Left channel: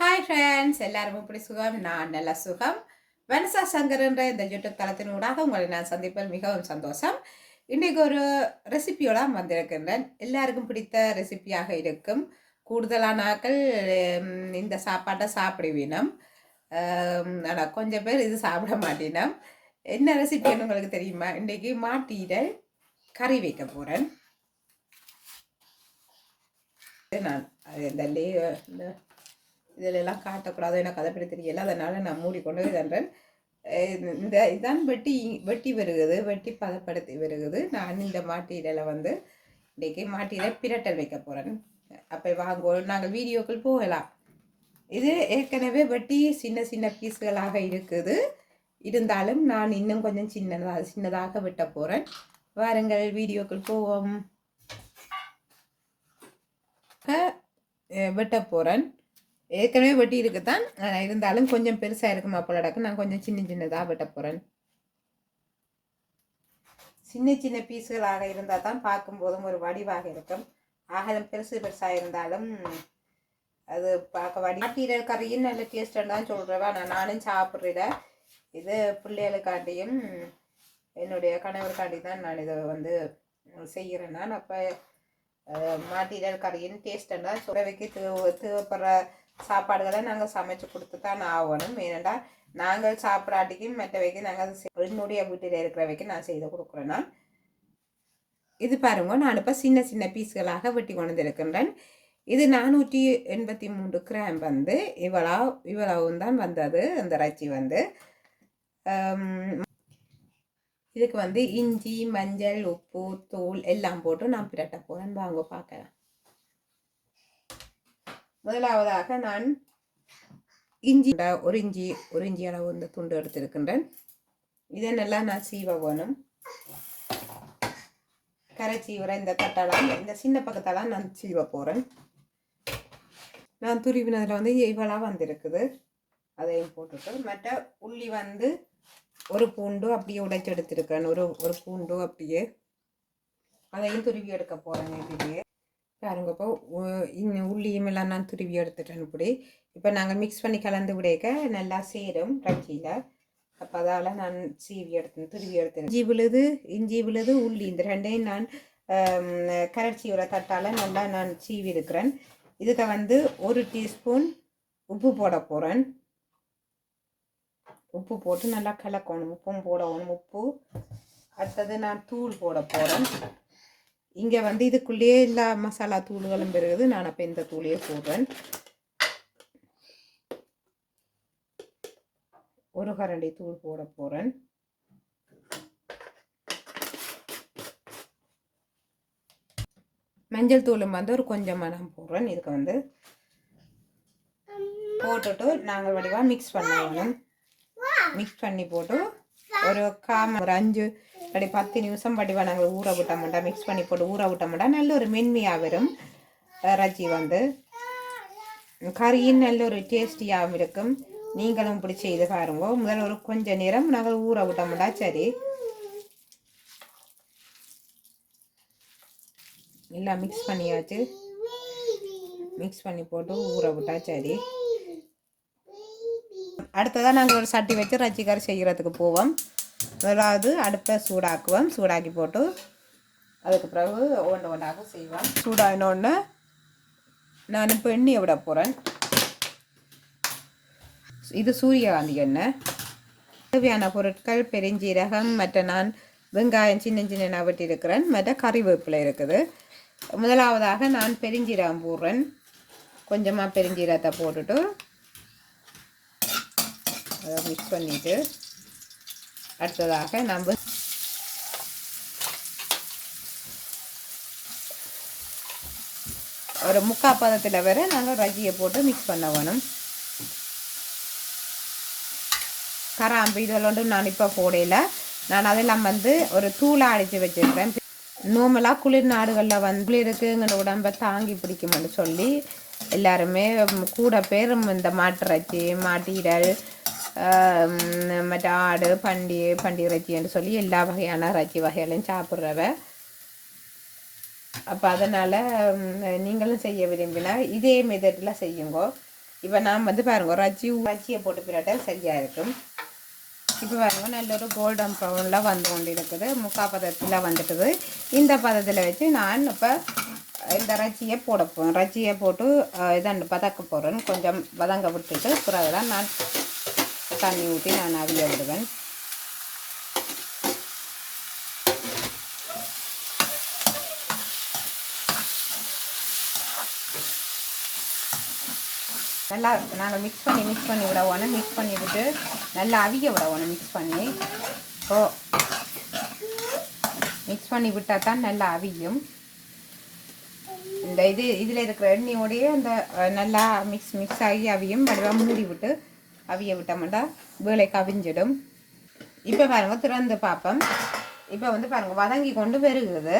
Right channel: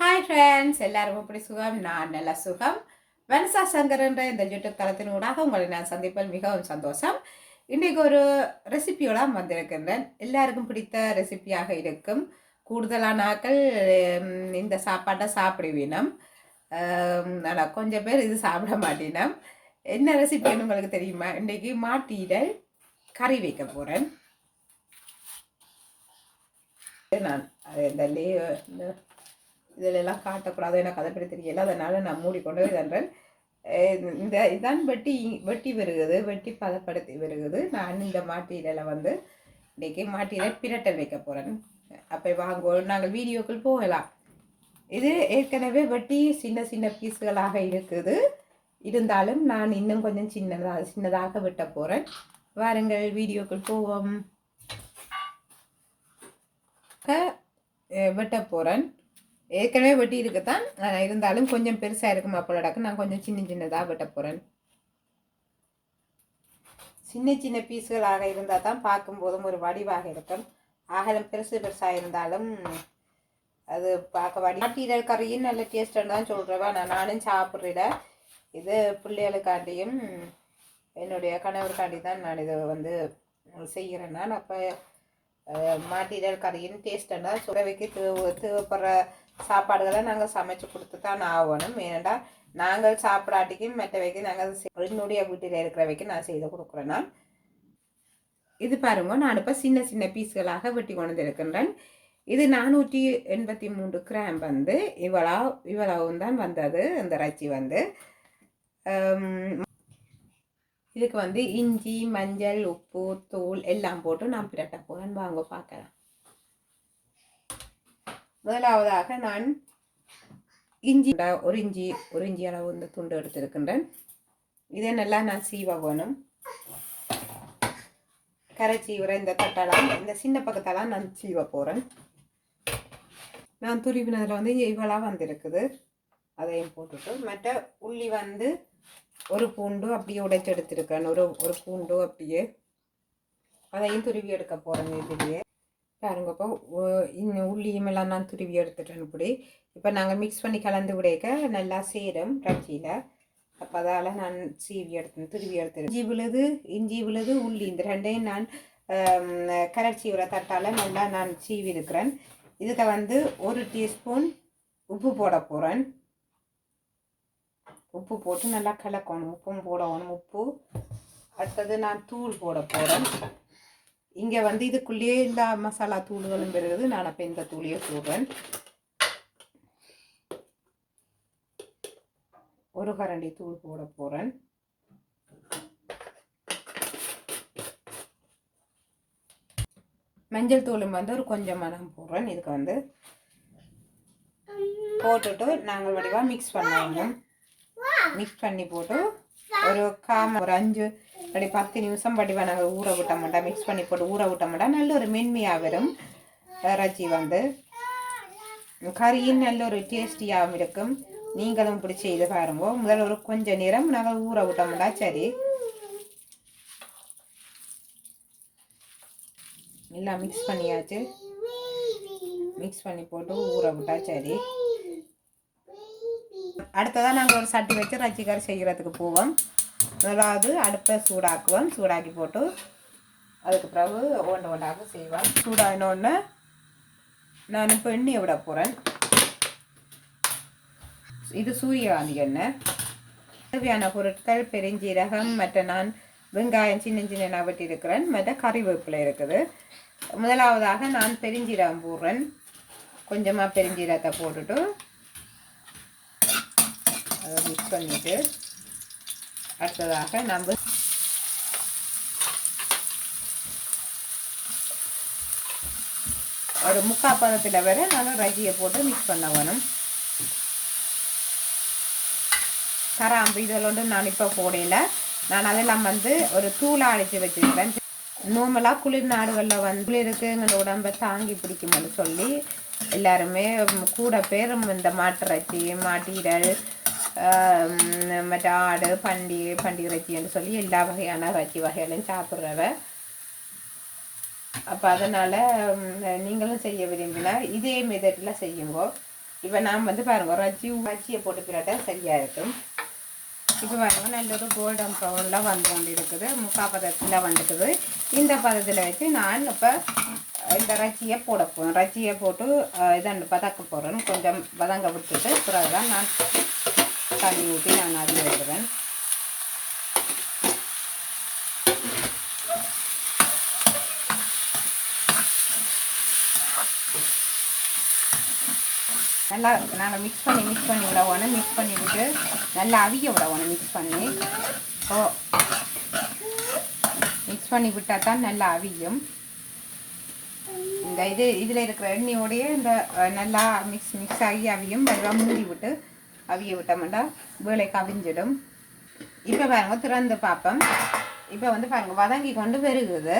Hi friends, எல்லாரும் எப்படி சுகம்? நான் நல்ல சுகம். வனசா சங்கர் என்ற இந்த யூடியூப் தளத்தினூடாக உங்களை நான் சந்திப்பதில் மிகவும் சந்தோஷம். இன்றைக்கு ஒரு ரெசிபியோட வந்திருக்கின்றேன். எல்லாருக்கும் பிடித்த ரெசிபியாக இருக்கும். கூடுதலான ஆட்கள் இந்த சாப்பாட்டை சாப்பிடுவீனம். ஆனால் கொஞ்சம் பேர் இது சாப்பிட மாட்டினோம். என்ன ரெசிபின்னு உங்களுக்கு தெரியுமா? இன்றைக்கி மாட்டீரை கறி வைக்க போகிறேன். நான் இந்த இதிலெல்லாம் காட்டக்கூடாது, எனக்கு அதை பற்றி தெரியல. அதனால் நான் மூடிக்கொண்டு இதன்றேன். இதான் வெட்டி வருகுது, வெட்டி பதப்படுத்தி வருகுது. நான் இந்த மாட்டீரலை இன்றைக்கி மாட்டீரை பிரட்டல் வைக்க போகிறேன். அப்போ வாங்குவோம், நாங்கள் வீடியோக்கள் போகலாம். இது ஏற்கனவே வெட்டி சின்ன சின்ன பீஸுகளாக இருக்குது. இருந்தாலும் நான் இன்னும் கொஞ்சம் சின்னதாக வெட்ட போகிறேன். வாருங்கள், வீடியோக்கள் போவோம். வெட்ட போகிறேன். ஏற்கனவே வெட்டி இருக்குதான், இருந்தாலும் கொஞ்சம் பெருசாக இருக்கும் அப்பளடாக்கு. நான் கொஞ்சம் சின்னதாக வெட்ட போகிறேன். சின்ன சின்ன பீஸுகளாக இருந்தால் தான் பார்க்கும்போதும் ஒரு வடிவாக இருக்கும். ஆகலம் பெருசாக இருந்தாலும் அது பார்க்க மாட்டீரல் கறியும் நல்ல டேஸ்ட்டுன்னு தான் சொல்கிறவா. நானும் சாப்பிட்றேன். இது பிள்ளைகளுக்காண்டியும் என்னுடைய கணவருக்காண்டி தான் நான் இதை செய்கிறேன். நான் அப்போ மாட்டீரல் கறியின் டேஸ்ட்டுன்னா சுரவைக்கு தேவைப்படுற சாப்பாடுகளை நாங்கள் சமைச்சு கொடுத்து தான் ஆகணும். ஏனெண்டா நாங்கள் சாப்பிடாட்டிக்கும் மற்றவைக்கு நாங்கள் என்னுடைய வீட்டில் இருக்கிறவைக்கு நான் செய்து கொடுக்குறேன்னா. இது பாருங்க, நான் இப்போ சின்ன சின்ன பீஸ்களாக வெட்டி கொண்டு இருக்கின்றேன். இது 483 கிராம் இவ்வளவும் தான் வந்தது. அந்த இறைச்சி இதுக்கு இஞ்சி, மஞ்சள், உப்பு, தூள் எல்லாம் போட்டு நான் பிரட்ட போகிறேன். வாங்க பார்க்கலாம். முதலாவதாக நான் ஒரு இஞ்சி அளவு இந்த துண்டு எடுத்திருக்கின்றேன். இதை நல்லா நான் சீவ வேணும். கரை சீவுற இந்த தட்டெல்லாம், இந்த சின்ன பக்கத்தெல்லாம் நான் சீவ போகிறேன். நான் துருவினதில் இவ்வளவு வந்திருக்குது. அதையும் போட்டுட்டு மற்ற உள்ளி ஒரு பூண்டு அப்படியே உடைச்சி எடுத்திருக்கேன். ஒரு பூண்டு அப்படியே அதையும் துருவி எடுக்க போகிறேன். இதுலேயே பாருங்க, இப்போ உள்ளியும் எல்லாம் நான் துருவி எடுத்துட்டேன். இப்படி இப்போ நாங்கள் மிக்ஸ் பண்ணி கலந்து விடைக்க நல்லா சேரும் இறைச்சியில். அப்போ அதால் நான் துருவி எடுத்தேன். இஞ்சி விழுது உள்ளி இந்த ரெண்டையும் நான் கரைச்சியோட தட்டால் நல்லா நான் சீவி இருக்கிறேன். இதுக்கு 1 டீஸ்பூன் உப்பு போட போகிறேன். உப்பு போட்டு நல்லா கலக்கணும். உப்பும் போடணும். உப்பு அடுத்தது நான் தூள் போட போகிறேன். இங்கே இதுக்குள்ளேயே எல்லா மசாலா தூள்களும் பெறுகிறது. நான் அப்போ இந்த தூளையே போடுறேன். 1 கரண்டி தூள் போட போகிறேன். மஞ்சள் தூளும் ஒரு கொஞ்சமாக நான் போடுறேன். இதுக்கு போட்டுட்டு நாங்கள் வடிவாக மிக்ஸ் பண்ணணும். மிக்ஸ் பண்ணி போட்டு ஒரு 5 10 நிமிஷம் வடிவாக நாங்கள் ஊற விட்ட மாட்டோம். மிக்ஸ் பண்ணி போட்டு ஊற விட்ட மாட்டோம். நல்ல ஒரு மென்மையாக வரும் இறைச்சி. கறியின் நல்ல ஒரு டேஸ்டியாகவும் இருக்கும். நீங்களும் இப்படி செய்து பாருங்க. முதல்ல ஒரு கொஞ்ச நேரம் நாங்கள் ஊற விட்ட மாட்டோம். சரி, எல்லாம் மிக்ஸ் பண்ணியாச்சு. மிக்ஸ் பண்ணி போட்டு ஊற விட்டா சரி. அடுத்ததான் நாங்கள் ஒரு சட்டி வச்சு இறைச்சி கறி செய்கிறதுக்கு போவோம். முதலாவது அடுப்பை சூடாக்குவோம். சூடாக்கி போட்டு அதுக்கு பிறகு ஒன்றாக செய்வோம். சூடாகினோடனே நான் இப்போ எண்ணெயை விட போகிறேன். இது சூரியகாந்தி எண்ணெய். தேவையான பொருட்கள் பெருஞ்சீரகம், மற்ற நான் வெங்காயம் சின்ன வெட்டி இருக்கிறேன். மற்ற கறிவேப்பிலை இருக்குது. முதலாவதாக நான் பெருஞ்சீரகம் போடுறேன். கொஞ்சமாக பெருஞ்சீரகத்தை போட்டுட்டு அதை மிக்ஸ் பண்ணிவிட்டு அடுத்ததாக நம்ம ஒரு 3/4 பதத்தில் வரை நாங்கள் இறைச்சியை போட்டு மிக்ஸ் பண்ண வேணும். கராம்பு இதெல்லாம் நான் இப்போ போடையில் நான் அதெல்லாம் ஒரு தூளாக அடித்து வச்சுருக்கேன். நார்மலாக குளிர் நாடுகளில் குளிருக்கு எங்களோட உடம்பை தாங்கி பிடிக்கும்னு சொல்லி எல்லாருமே கூட பேர் இந்த மாட்டிறைச்சி, மாட்டீரல், மற்ற ஆடு, பண்டி இறைச்சின்னு சொல்லி எல்லா வகையான இறைச்சி வகைகளையும் சாப்பிட்றவ. அப்போ அதனால் நீங்களும் செய்ய விரும்பினா இதே மெத்தடில் செய்யுங்க. இப்போ நான் வந்து பாருங்க ரஜ்ஜியை போட்டு பிறட்டா சரியாக இருக்கும். இப்போ பாருங்க நல்ல ஒரு கோல்டன் ப்ரௌனில் வந்து கொண்டு இருக்குது, முக்கால் பதத்தில் வந்துட்டுது. இந்த பதத்தில் வச்சு நான் இப்போ இந்த ரஜ்ஜியை போட போகிறேன். ரஜ்ஜியை போட்டு இதாண்டு பதக்க போகிறேன். கொஞ்சம் வதங்க விட்டுட்டு பிறகு தான் நான் தண்ணி ஊற்றி நான் அதில் விடுவேன். நல்லா நாங்கள் மிக்ஸ் பண்ணி விடவோணும். மிக்ஸ் பண்ணி விட்டு நல்லா அவிய விடவோணும். மிக்ஸ் பண்ணி விட்டால் தான் நல்லா அவியும். இந்த இதில் இருக்கிற எண்ணெயோடையே இந்த நல்லா மிக்ஸ் ஆகி அவியும். வடிவாக மூடி விட்டு அவிய விட்டோம்னா வேலைக்கு அவிஞ்சிடும். இப்போ பாருங்க திறந்து பார்ப்போம். இப்போ வந்து பாருங்க வதங்கி கொண்டு வருகிறது.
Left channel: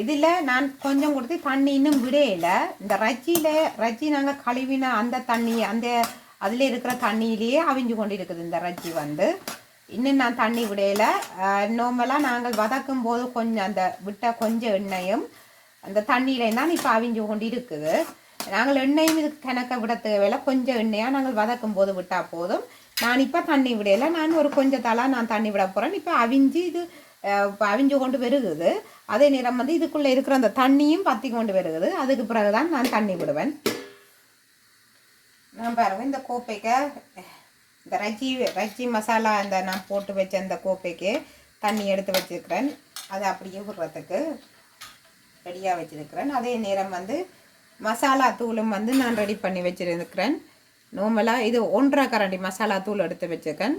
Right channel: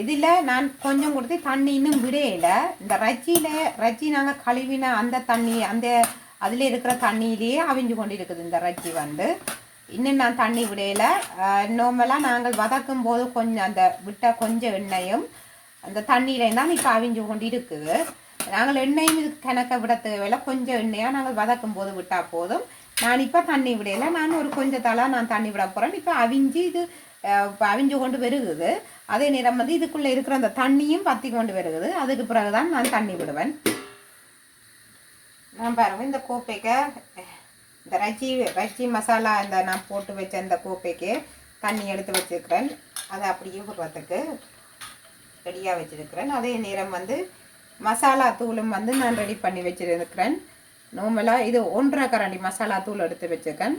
இதில் நான் கொஞ்சம் கொடுத்து தண்ணி இன்னும் விடையில. இந்த ரஜ்ஜி நாங்கள் கழுவின அந்த தண்ணி அதில் இருக்கிற தண்ணியிலேயே அவிஞ்சு கொண்டு இருக்குது. இந்த ரஜ்ஜி வந்து இன்னும் நான் தண்ணி விடையில. நார்மலாக நாங்கள் வதக்கும் போது கொஞ்சம் அந்த விட்ட கொஞ்சம் எண்ணெயும் அந்த தண்ணியிலையும் தான் இப்போ அவிஞ்சு கொண்டு இருக்குது. நாங்கள் எண்ணெயும் இதுக்கு கணக்க விட தேவையில்லை. கொஞ்சம் எண்ணெயாக நாங்கள் வதக்கும் போது விட்டால் போதும். நான் இப்போ தண்ணி விடையில. நான் ஒரு கொஞ்சத்தாலாம் நான் தண்ணி விட போகிறேன். இப்போ அவிஞ்சு கொண்டு வருகுது. அதே நேரம் வந்து இதுக்குள்ளே இருக்கிற அந்த தண்ணியும் பற்றி கொண்டு வருகுது. அதுக்கு பிறகு தான் நான் தண்ணி விடுவேன். நான் பாருங்க இந்த கோப்பைக்கு இந்த ரஜ்ஜி மசாலா இந்த நான் போட்டு வச்ச இந்த கோப்பைக்கு தண்ணி எடுத்து வச்சுருக்கிறேன். அதை அப்படியே விடுறதுக்கு ரெடியாக வச்சுருக்கிறேன். அதே நேரம் வந்து மசாலா தூளும் வந்து நான் ரெடி பண்ணி வச்சுருக்கிறேன். நார்மலாக இது 1.5 கரண்டி மசாலா தூள் எடுத்து வச்சுருக்கேன்.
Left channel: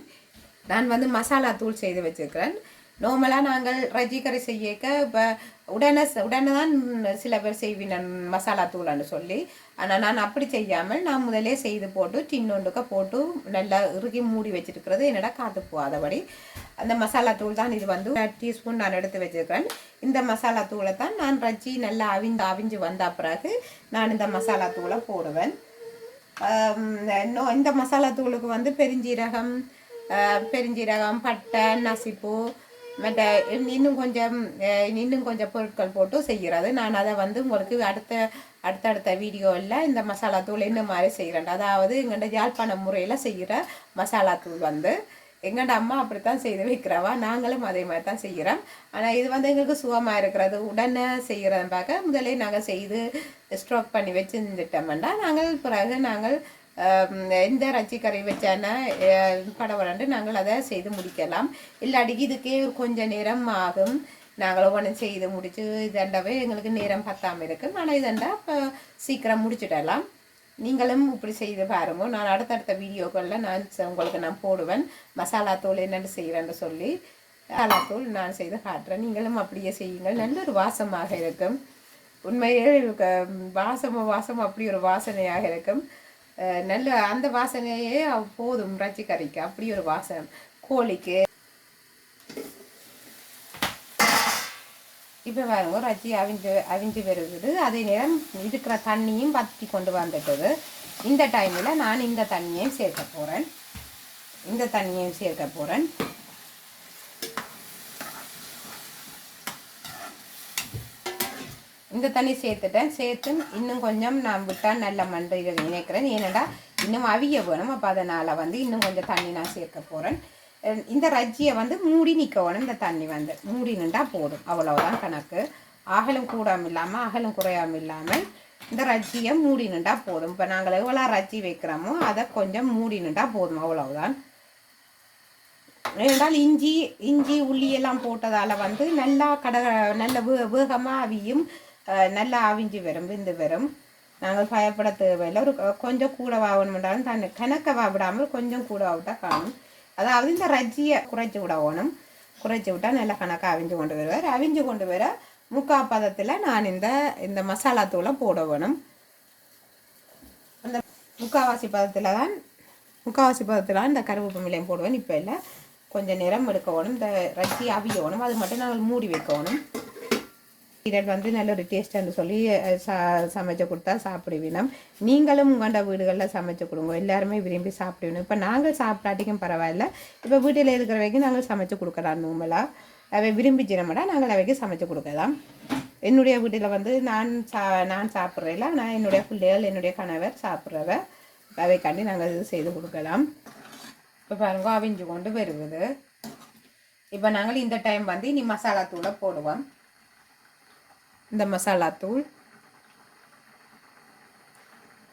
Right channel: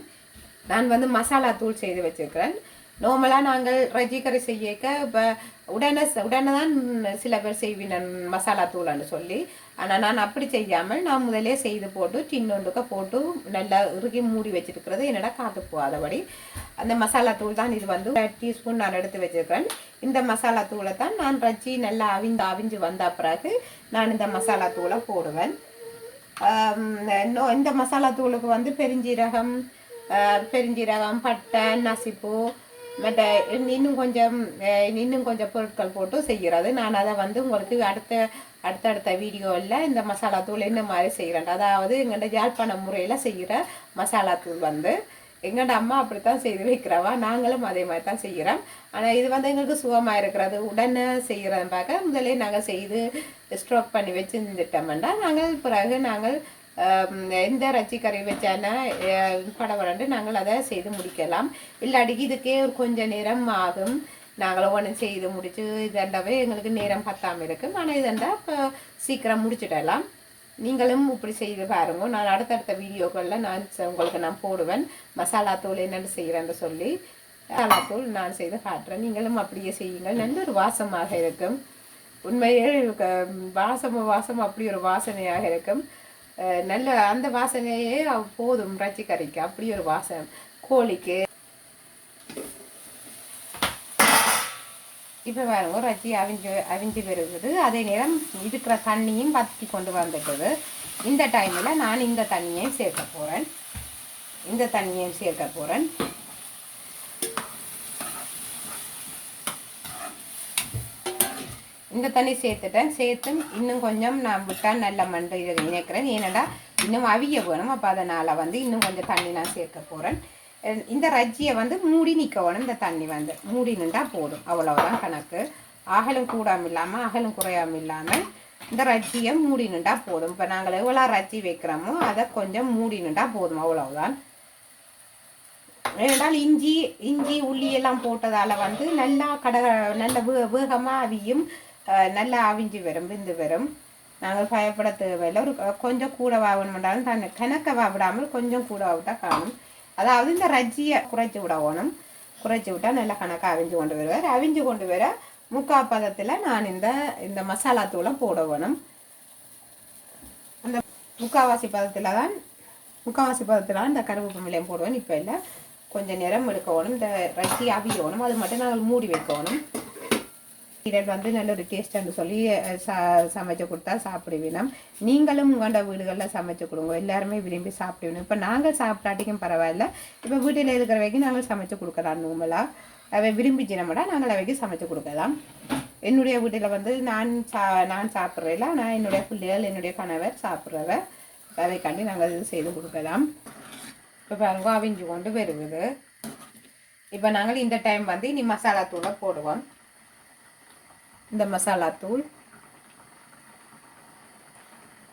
நான் வந்து மசாலா தூள் செய்து வச்சுருக்கிறேன். நார்மலாக நாங்கள் ரஜ்ஜி கறி செய்யக்க இப்போ உடனே தான் சில பேர் செய்வின மசாலா தூளான்னு சொல்லி. ஆனால் நான் அப்படி செய்யாமல் நான் முதலே செய்து போட்டு டின்னொண்டுக்க போட்டு நல்லா இறுகி மூடி வச்சுருக்கிறது என்னடா காட்டு போகாதபடி அந்த மசாலா தூள் தான். இது வந்து 1 டீஸ்பூன் நான் எடுத்து வச்சுருக்கிறேன். இந்த மசாலா தூளை தான் நான் ரஜ்ஜி நல்லா அவிஞ்சு வந்த பிறகு நான் இந்த மசாலா தூளை போடுவேன். இந்த மசாலா தூளுக்கு வந்து பெருஞ்சீரகம், பட்டை, நசிப்பு மற்ற இன்னும் கொஞ்சம் பொருட்கள் போட்டு செய்கிறது. நான் அதை வந்து உங்களுக்கு அடுத்தடுத்த வீடியோவில் இந்த மசாலா தூள் என்ன மாதிரி செய்கிறேன். அதாவது எங்கள்ட யாழ்ப்பாண முறையில் செய்கிற மசாலா தூள் வந்து எங்கள்ட அம்மா அப்படித்தான் செய்து வைக்கிறவா. நாங்களும் அதே மாதிரி தான் செய்கிறோம். ஆனால் இது வந்து எங்களுக்கு சுகமாக இருக்கிறது. உடனே செய்கிறத பார்க்க முதலே நாங்கள் செய்து ஸ்ட்ரோக் பண்ணி வச்சு இருந்துட்டோம்னா நாங்கள் எந்த ரஜ்ஜி கறி வச்சானா படவரண்டு நாங்கள் அதை செய்து முடிக்கலாம். இல்லாட்டிக்கு இதுக்கே ஒரு கொஞ்சம் நேரம் ஆகும். நாங்கள் ஒவ்வொன்று செய்து முடித்து இதண்டாவே எங்களுக்கு நேரம் பத்தாமல் இருக்கும். ஆனால் இதண்டா இப்போ சீக்கிரம் முடிச்சுடலாம். நீங்களும் இப்படி செய்து பாருங்க. நான் அடுத்தடுத்த வீடியோக்களில் உங்களுக்கு நான் போடுவேன். மசாலா தூள் என்னென்னு செய்கிறேன்னு சொல்லி மசாலா தூள் நான் செய்து காட்டுறேன். நீங்களும் அப்படியே செய்யுங்கள். நல்ல ஒரு வாசமாக இருக்கும். உண்மையே வாசம் அப்படி ஒரு வாசனையாக இருக்கும். நல்ல அந்த வாசனையே போதும் ரஜ்ஜி கறிக்கு. அப்படி ஒரு வாசனை கோழிக்கு. இப்போ பாருங்க ரஜ்ஜி அவிஞ்சு வருகிறது. அதே நேரம் இருக்கிற தண்ணியும் வற்றி கொண்டு வந்துட்டது. இந்த டைமில் நான் இந்த தண்ணியையும் சேர்க்க போகிறேன். இந்த தண்ணி சேர்த்து இன்னும் கொஞ்சம் நான் விட்டால் நல்ல மண்டு இதை நினைக்கிறேன். ஏன்னாடா இன்னும் அவிய வேணும். அப்போ அதனால் வந்து இன்னும் கொஞ்சம் தண்ணி நான் சேர்க்க போகிறேன். இந்த ரஜ்ஜியை வந்து மூடி நிற்கணும். இந்த தண்ணி வந்து மூடி நின்றா போதும். அவ்வளோதான் கணக்கு. அகலும் கூடாமல் இல்லாமல் அகலும் குறையாமல் இல்லாமல் இந்த ரஜ்ஜியை மூடி நின்றா போதும். இப்போ நாங்கள் எவ்வளோ ரஜ்ஜி வைக்கிறோமோ அதை கொஞ்சம் மூடி நின்றா போதும். அவ்வளோதான். ஏனென்றால் இஞ்சி உள்ளியெல்லாம் போட்டதால் வந்து நல்லா நல்ல வேகமாக அவியும். நல்லா அவிஞ்சு வரும். நாங்கள் பயப்பட தேவையில்லை. ஒரு கொஞ்சம் கூட வாங்கணும்ன்றாலும் கணக்க விடாமல் கொஞ்சம் கூட விட்டால் காணும். அதாவது இந்த ரஜ்ஜியை குறைச்சி விட்டால் நல்லா கணக்காக அவிஞ்சு கொண்டு வருவார். அவிஞ்சு கொண்டு வர முக்கால் பதத்தில் நான் இந்த மசாலா தூளை போட வேணும். அந்த முக்கால்வாசி பதத்தில் தான் இந்த கருவேப்பு மிளகாய் போடுவேன். இப்போ இல்லை கொஞ்சம் நேரம் எடுக்கணும். இந்த ரஜ்ஜி அவியணும். அது மட்டும் நாங்கள் மூடி வைக்கணும். இதை வந்து நல்ல ஒரு டேஸ்ட்டுன்னு சொல்லி சமைச்சு கொடுத்தா சாப்பிடுவீனம். நீங்களும் உங்களோட வீடுகளில் சமைச்சு கொடுங்க. எல்லாருமே விரும்பி சாப்பிடுவீங்க. இப்போ நாங்கள் சாப்பிட்டாட்டிக்கும் பரவாயில்ல. இப்போ வீட்டில் இருக்கிற வரைக்கும் நாங்கள் சமைச்சு கொடுக்கலாம். நார்மலாக அவை விரும்பிச்சினோம்னா நாங்கள் அவைக்கு சமைச்சு கொடுக்கலாம். என்னுடைய வீட்டில் வந்து நான் சாப்பிட்றேல. நான் என்னுடைய பிள்ளைகள் என்னுடைய கணவர் சாப்பிட்றவ. அதைக்காண்டி நாங்கள் இது செய்து கொடுக்கலாம். இப்போ பாருங்க அவிஞ்சு கொண்டு வருவது. இப்போ நாங்கள் இந்த டைம் வந்து இனி மசாலா தூளை போடுவோம். இந்த மசாலா தூள்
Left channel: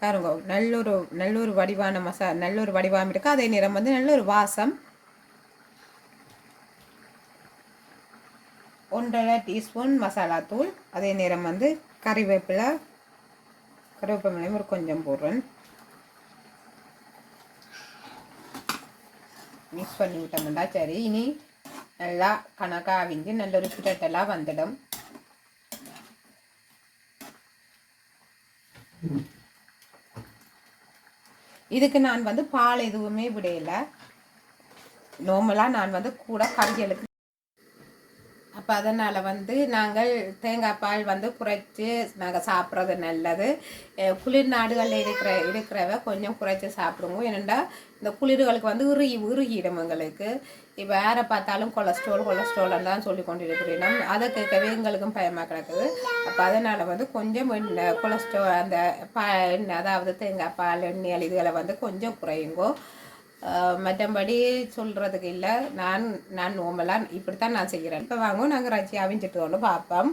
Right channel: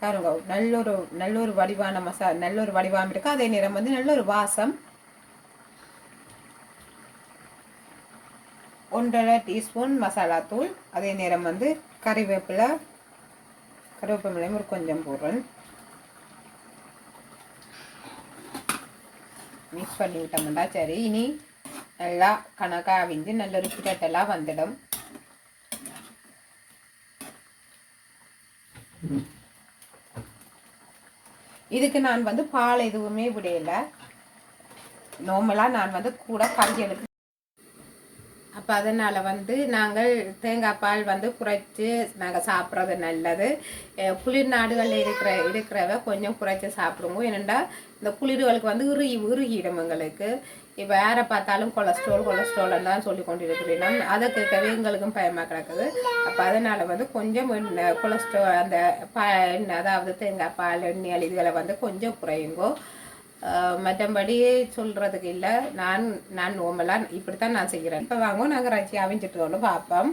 பாருங்க நல்லொரு வடிவான நல்லொரு வடிவாக இருக்கு. அதே நேரம் வந்து நல்ல ஒரு வாசம். 1.5 டீஸ்பூன் மசாலா தூள். அதே நேரம் வந்து கருவேப்பிலையும் ஒரு கொஞ்சம் போடுறேன். மிக்ஸ் பண்ணி விட்டோம்னா சரி. இனி நல்லா கணக்காக அவிஞ்சு நல்ல ஒரு கிட்டட்டெல்லாம் வந்துடும். இதுக்கு நான் வந்து பால் எதுவுமே விடையில. நார்மலாக நான் வந்து கூட கறிகளுக்கு. அப்போ அதனால் வந்து நாங்கள் தேங்காய் பால் வந்து குறைச்சி நாங்கள் சாப்பிட்றது நல்லது. குளிர் நாடுகளில் இருக்கிறவ கொஞ்சம் குறைச்சி சாப்பிடுவோம். ஏனெண்டா இந்த குளிர்களுக்கு வந்து உருகிடும் எங்களுக்கு. இப்போ யாரை பார்த்தாலும் கொலஸ்ட்ரால் தான் சொல்லி கொண்டு இருக்கிறோம். அதை கேட்கவே எங்களுக்கும் பயமாக கிடக்குது. அப்போ அதனால் வந்து கொஞ்சம் கொலஸ்ட்ரால் அந்த அதாவது தேங்காய் பால் எண்ணெய் இதுகளை வந்து கொஞ்சம் குறையுங்கோ. மற்றபடி சொல்கிறதுக்கு இல்லை. நான் நார்மலாக இப்படித்தான் நான் செய்கிறேன். இப்போ வாங்க நாங்கள் ரச்சி அவிஞ்சிட்டு வந்து பார்ப்போம்.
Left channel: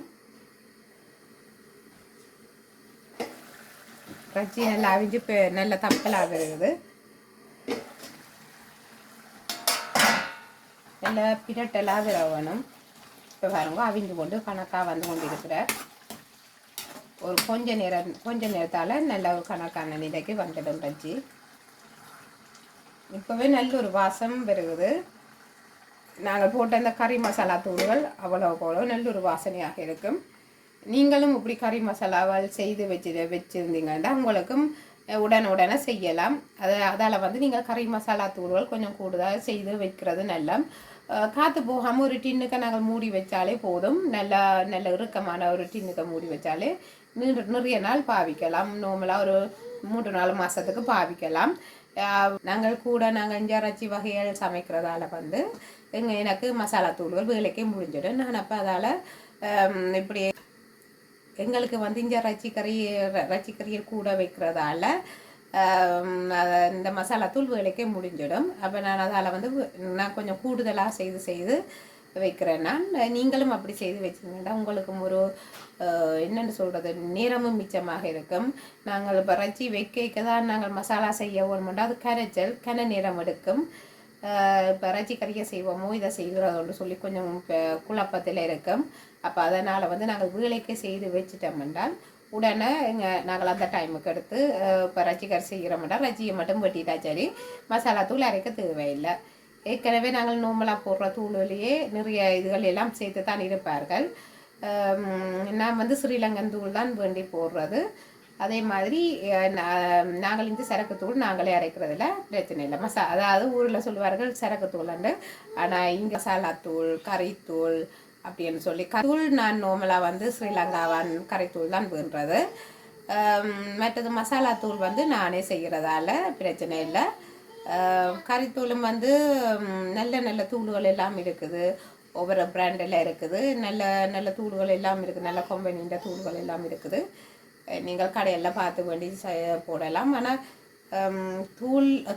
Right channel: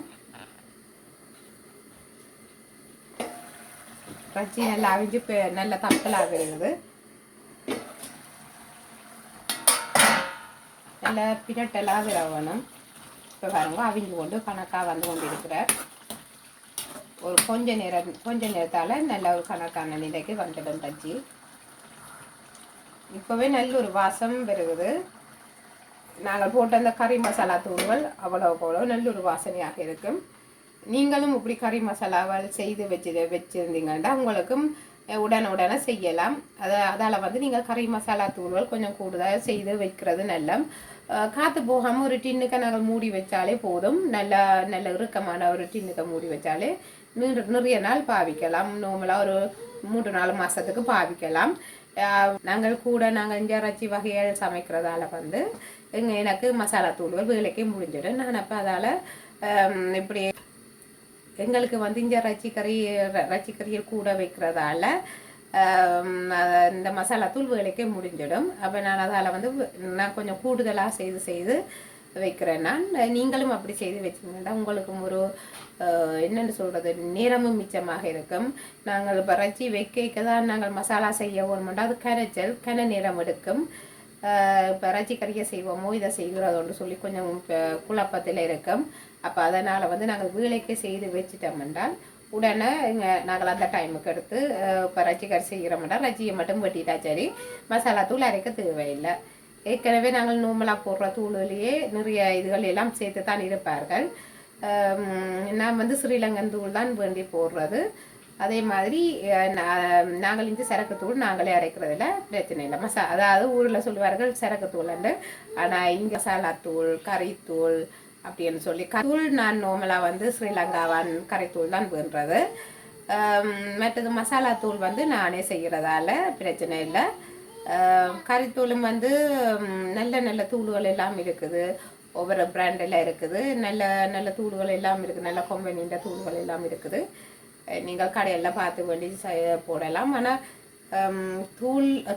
ரச்சி நல்லா அவிஞ்சு நல்ல தப்பலாக இருக்குது. நல்ல பிரட்டலாக வேணும். இப்போ பாருங்க அவிஞ்சு கொண்டு கணக்காக வந்து கொண்டு இருக்கிற ஒரு கொஞ்ச நேரத்தால் நல்ல ஒரு கணக்கான நிலைக்கு வந்துடும் ரச்சி. இப்போவே நல்ல ஒரு வாசம் வருகிறது. நாங்கள் போட்ட அந்த கறி மசாலா தூள்கள் அவ்வளோ நல்ல ஒரு வாசனையாக இருக்கும். நீங்களும் இப்படி கறி மசாலாவால் செய்து வச்சுருந்தீங்கன்னா உங்களுக்கும் உடனே செய்யலாம். அதால் வந்து நீங்கள் கறி மசாலா தூள்கள் கொஞ்சம் கூடுதலாக செய்து வைக்கிறது நல்ல. காற்று போகாமல் ஒரு டின்னுக்கு நாங்கள் மூடி வச்சாலே போதும். நல்ல இறுக்கமான ஒரு டின்னுக்கு மூடி வச்சாலே நிறைய நாள் பாவிக்கலாம். நார்மலாக ஒரு 3-4 மாதத்துக்கு பாவிக்கலாம். நாங்கள் இஞ்சி வகைகள் சமைக்கிறதால வந்து எனக்கு மசாலா தூள்கள் வேலைக்கே முடிஞ்சிடும். நான் அப்போ அதால் இப்படி எங்களுக்கு வந்து இங்கே ரச்சிக்கறியை கூட வைக்கிறதால இந்த மசாலா தூள் வேலைக்கே முடிஞ்சிடும். அப்போ நான் அதால் வந்து நான் கொஞ்சம் கூடுதலாக செய்து வைக்கிறேன். நீங்களும் அப்படி செய்து வச்சுங்கன்னா உங்களுக்கும் ஒரு என்னென்னு சொல்கிறது நேரமும் மிச்சமாக இருக்கும். நாங்கள் இப்போ ரச்சி வைக்க தான் நாங்கள் மசாலா செய்ய வேணுமெண்டா அது கன நேரம் எடுக்கும். இப்போ ரச்சி கறியை செய்வோமோ இதை செய்கிறதோன்னு சொல்லி கொஞ்சம் குழப்பத்தில் இருக்கும். அப்போ அதனால் வந்து நாங்கள் வேலைக்கு செய்து வச்சுட்டோம் என்றால் உடனே நாங்கள் அந்த டைமுக்கு எடுத்து இப்போ ரச்சி கறி செய்கிறோம்னால் ரச்சியை மட்டும் வெட்டிட்டா சரி. மசாலா தூள் அரைக்க தேவையில்லை. ஏற்கனவே நாங்கள் நார்மலாக போடுற தூளிலேயே நிறைய இதுகள் எல்லாம் சேர்த்து தான் இருப்பார்கள். நான் வந்து ஸ்ரீலங்கன் தூள் தான் வேண்டி போடுறது. அதே மாதிரி நாங்கள் இந்த சரக்கு தூள் நாங்களே அரைக்கிறதுல பிரச்சனை இல்லை. அதாவது ஊரில் சொல்லுவார்கள் சரக்கு தூள்ண்டு. ஆனால் இங்கே மசாலா தூள் கறித்தூள் அப்படின்னு சொல்லி தூள் நான் நார்மலாக வந்து ஸ்ரீலங்காவான் கறித்தூள் தான் வேண்டுறது. மற்றது மசாலா தூள் வந்து நானே செய்கிறதால பிரச்சனை இல்லை. கறித்தூளும் வந்து நல்ல தூள்கள் எல்லாம் இருக்குது. ஒவ்வொரு பிராண்டில் இருக்குது. நல்ல தூள்கள் எல்லாம் இருக்குது. நல்ல கம்பெனின்ற தூள்கள் எல்லாம் இருக்குது. நீங்கள் கடையெல்லாம் பார்த்து வேண்டி போடலாம். ஆனால்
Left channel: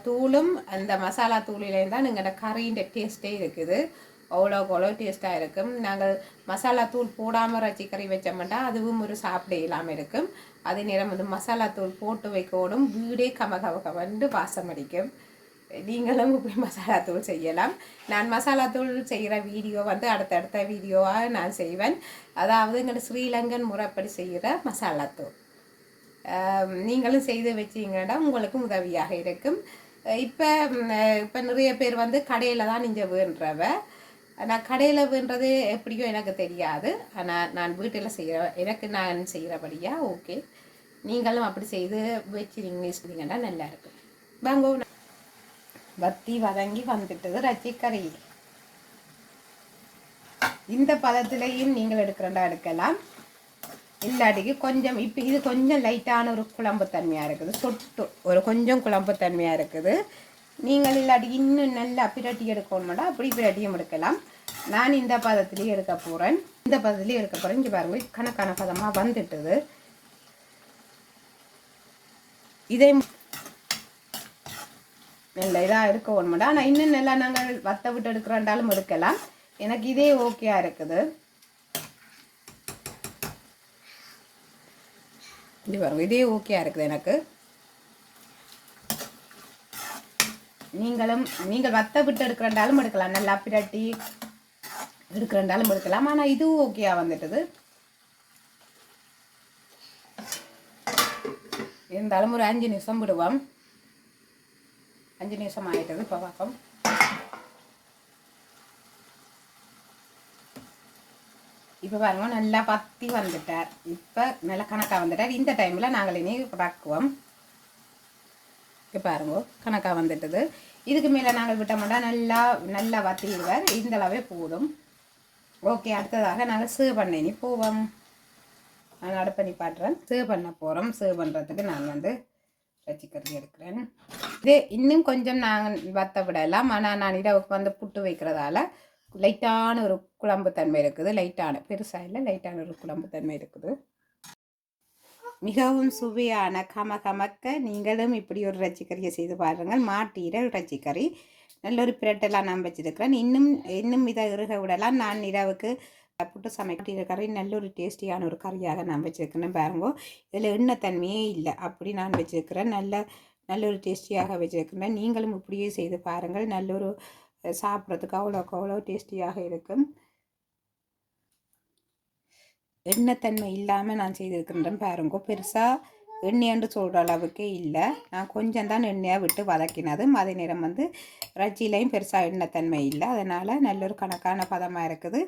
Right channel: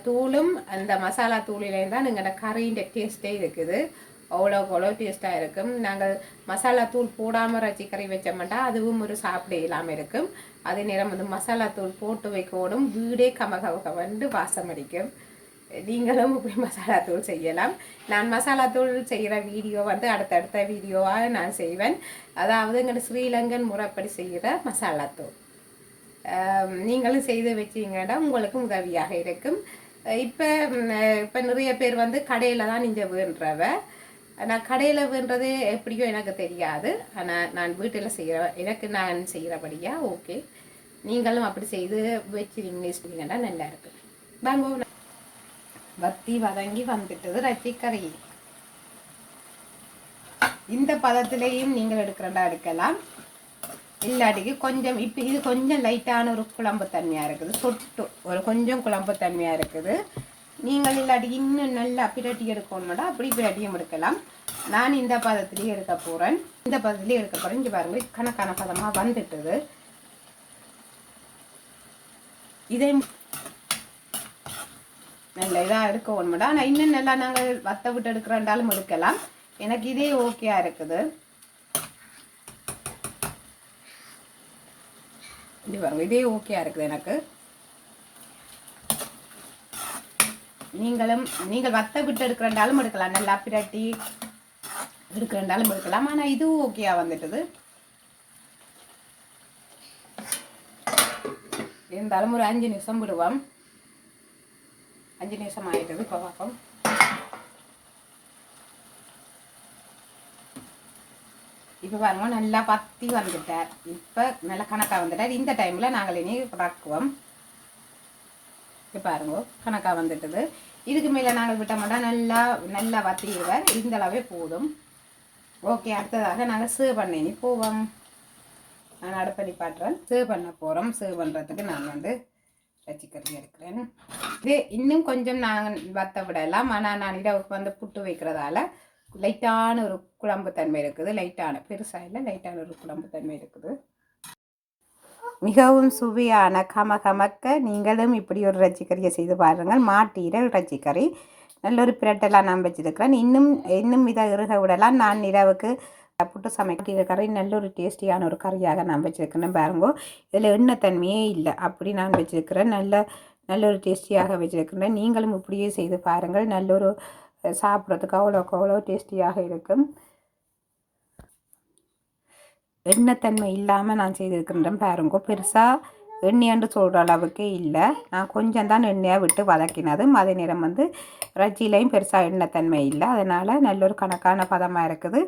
தூளும் அந்த மசாலா தூளிலேயும் தான் எங்களோட கறியின் டேஸ்ட்டே இருக்குது. அவ்வளோ டேஸ்ட்டாக இருக்கும். நாங்கள் மசாலா தூள் போடாமல் ரச்சி கறி வச்ச மாட்டோம். அதுவும் ஒரு சாப்பிட இல்லாமல் இருக்கும். அதே நேரம் வந்து மசாலா தூள் போட்டு வைக்கணும். வீடே கமகமகவண்டு வாசம் அடிக்கும். நீங்களும் இப்படி மசாலா தூள் செய்யலாம். நான் மசாலா தூள் செய்கிற வீடியோ வந்து அடுத்தடுத்த வீடியோவாக நான் செய்வேன். அதாவது எங்கள் ஸ்ரீலங்கன் முறைப்படி செய்கிற மசாலா தூள் நீங்களும் செய்து வச்சிங்கன்னா உங்களுக்கும் உதவியாக இருக்கும். இப்போ நிறைய பேர் வந்து கடையில் தான் நீங்கள் வேண்டுறவ. நான் கடையில் வேண்டுறது எப்படியோ எனக்கு தெரியாது. ஆனால் நான் வீட்டில் நான் செய்கிறபடியாக ஓகே. நீங்களும் அப்படி செய்து வச்சுருந்தீங்கன்னா நல்லா இருக்கும். வாங்க வத்தி வதங்கி வந்துட்டது ரச்சிக்கறி. இந்த பதத்திலையும் நீங்கள் எடுக்கலாம். இல்லாட்டிக்கு கொஞ்சம் இப்போ இது கொஞ்சம் லைட்டான ஒரு குழம்பு தன்மையாக இருக்குது. ஒரு கொஞ்சம் குழம்பு தன்மையாக இருக்குது. நீங்கள் இல்லாட்டி இன்னும் நல்லா பிரட்டி எடுக்கணும்னா அப்படி பிரட்டியும் எடுக்கலாம். நான் இந்த பதத்துலேயே எடுக்க போகிறேன். இங்கே பாருங்க கணக்கான பதமாக வந்துட்டுது. நல்ல இதாக எடுக்க ஒன்றுடா. ஆனால் இன்னும் நல்லா நாங்கள் வத்த விட்டு எடுக்கிறோண்டாலும் எடுக்கலாம். எனக்கு இதே ஓகேயா இருக்குது. இது பாருங்க, இதே ஓகேயா இருக்குது எனக்கு. நீங்கள் வத்த விட்டு எடுக்கிறண்டாலும் எடுக்கலாம், நல்லா பிரட்டி எடுக்கிறண்டாலும் எடுக்கலாம். ஆனால் இதுவும் ஓகேயா வந்துட்டுது. இருந்தாலும் ஒரு 5 நிமிஷம் விடுவோம். 5 நிமிஷம் ஆயிட்டது. இப்போ பார்ப்போம். இப்போ பாருங்க, நல்லா பத்தி வந்துட்டார். இப்போ நல்லா கணக்காக வந்துட்டார். இந்த டைமில் நாங்கள் இனி பக்குவோம். இப்போ பாருங்க, கணக்காக வந்துட்டது. இதுக்கு மேலே நாங்கள் விட்டோம்னா நல்லா வத்திடுவார். இந்த அளவே போதும். ஓகே, அடுத்ததாக நாங்கள் சேவ் பண்ணி போவோம். நான் அடுப்பணி பாட்டுறேன். சேவ் பண்ண போகிறோம். சேவ் பண்ணுறதுக்கு நான் இறைச்சிக்கறி எடுக்கிறேன். இதே இன்னும் கொஞ்சம் நாங்கள் வத்த விடலாம். ஆனால் நான் இரவுக்கு புட்டு வைக்கிறதால லைட்டான ஒரு குழம்பு தன்மை இருக்குது. பெருசாக இல்லை, லைட்டான ஒரு குழம்பு தன்மை இருக்குது. மிகவும் சுவையான கமக்க நீங்களும் இப்படி ஒரு இறைச்சிக்கறியை செய்து பாருங்கள். மாட்டு ஈரல் இறைச்சிக்கறி நல்ல ஒரு பிரட்டெல்லாம் நான் வச்சுருக்கிறேன். இன்னும் இதை இறுக விடலாம். நான் இரவுக்கு புட்டு சமைக்கிற கறி நல்ல ஒரு டேஸ்டியான ஒரு கறியாக நான் வச்சுருக்கிறேன். பாருங்கோ, இதில் எண்ணெய் தன்மையே இல்லை, அப்படி நான் வச்சுருக்கிறேன். நல்ல ஒரு டேஸ்டியாக வச்சுருக்கிறேன். நீங்களும் இப்படியே செய்து பாருங்கள். நல்ல ஒரு சாப்பிட்றதுக்கு அவ்வளோ டேஸ்டியாக இருக்கும். எண்ணெய்த்தன்மை இல்லாமல் நான் செய்திருக்கின்றேன். பாருங்க, பெருசாக எண்ணெய்ன்னு சொல்கிற அளவுக்கு இல்லை. நான் கொஞ்சம் தான் எண்ணெயை விட்டு வதக்கினதும். அதே நேரம் இறைச்சியிலையும் பெருசாக எண்ணெய்த்தன்மை இல்லை. அதனால் நல்ல ஒரு கணக்கான பதமாக இருக்குது.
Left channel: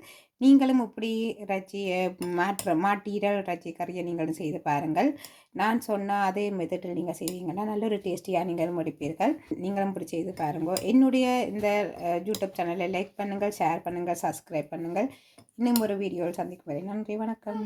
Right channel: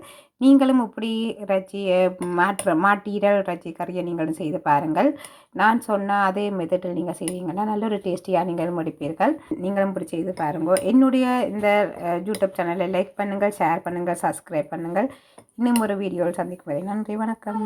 நீங்களும் இப்படி இறைச்சியை மாட்டு ஈரல் இறைச்சி கறியை நீங்களும் செய்து பாருங்கள். நான் சொன்ன அதே மெத்தடில் நீங்கள் செய்வீங்கன்னா நல்ல ஒரு டேஸ்டியாக நீங்களும் முடிப்பீர்கள். நீங்களும் இப்படி செய்து பாருங்கள். என்னுடைய இந்த யூடியூப் சேனலை லைக் பண்ணுங்கள், ஷேர் பண்ணுங்கள், சப்ஸ்கிரைப் பண்ணுங்கள். இன்னும் ஒரு வீடியோவில் சந்திக்கும் வரை நன்றி, வணக்கம்.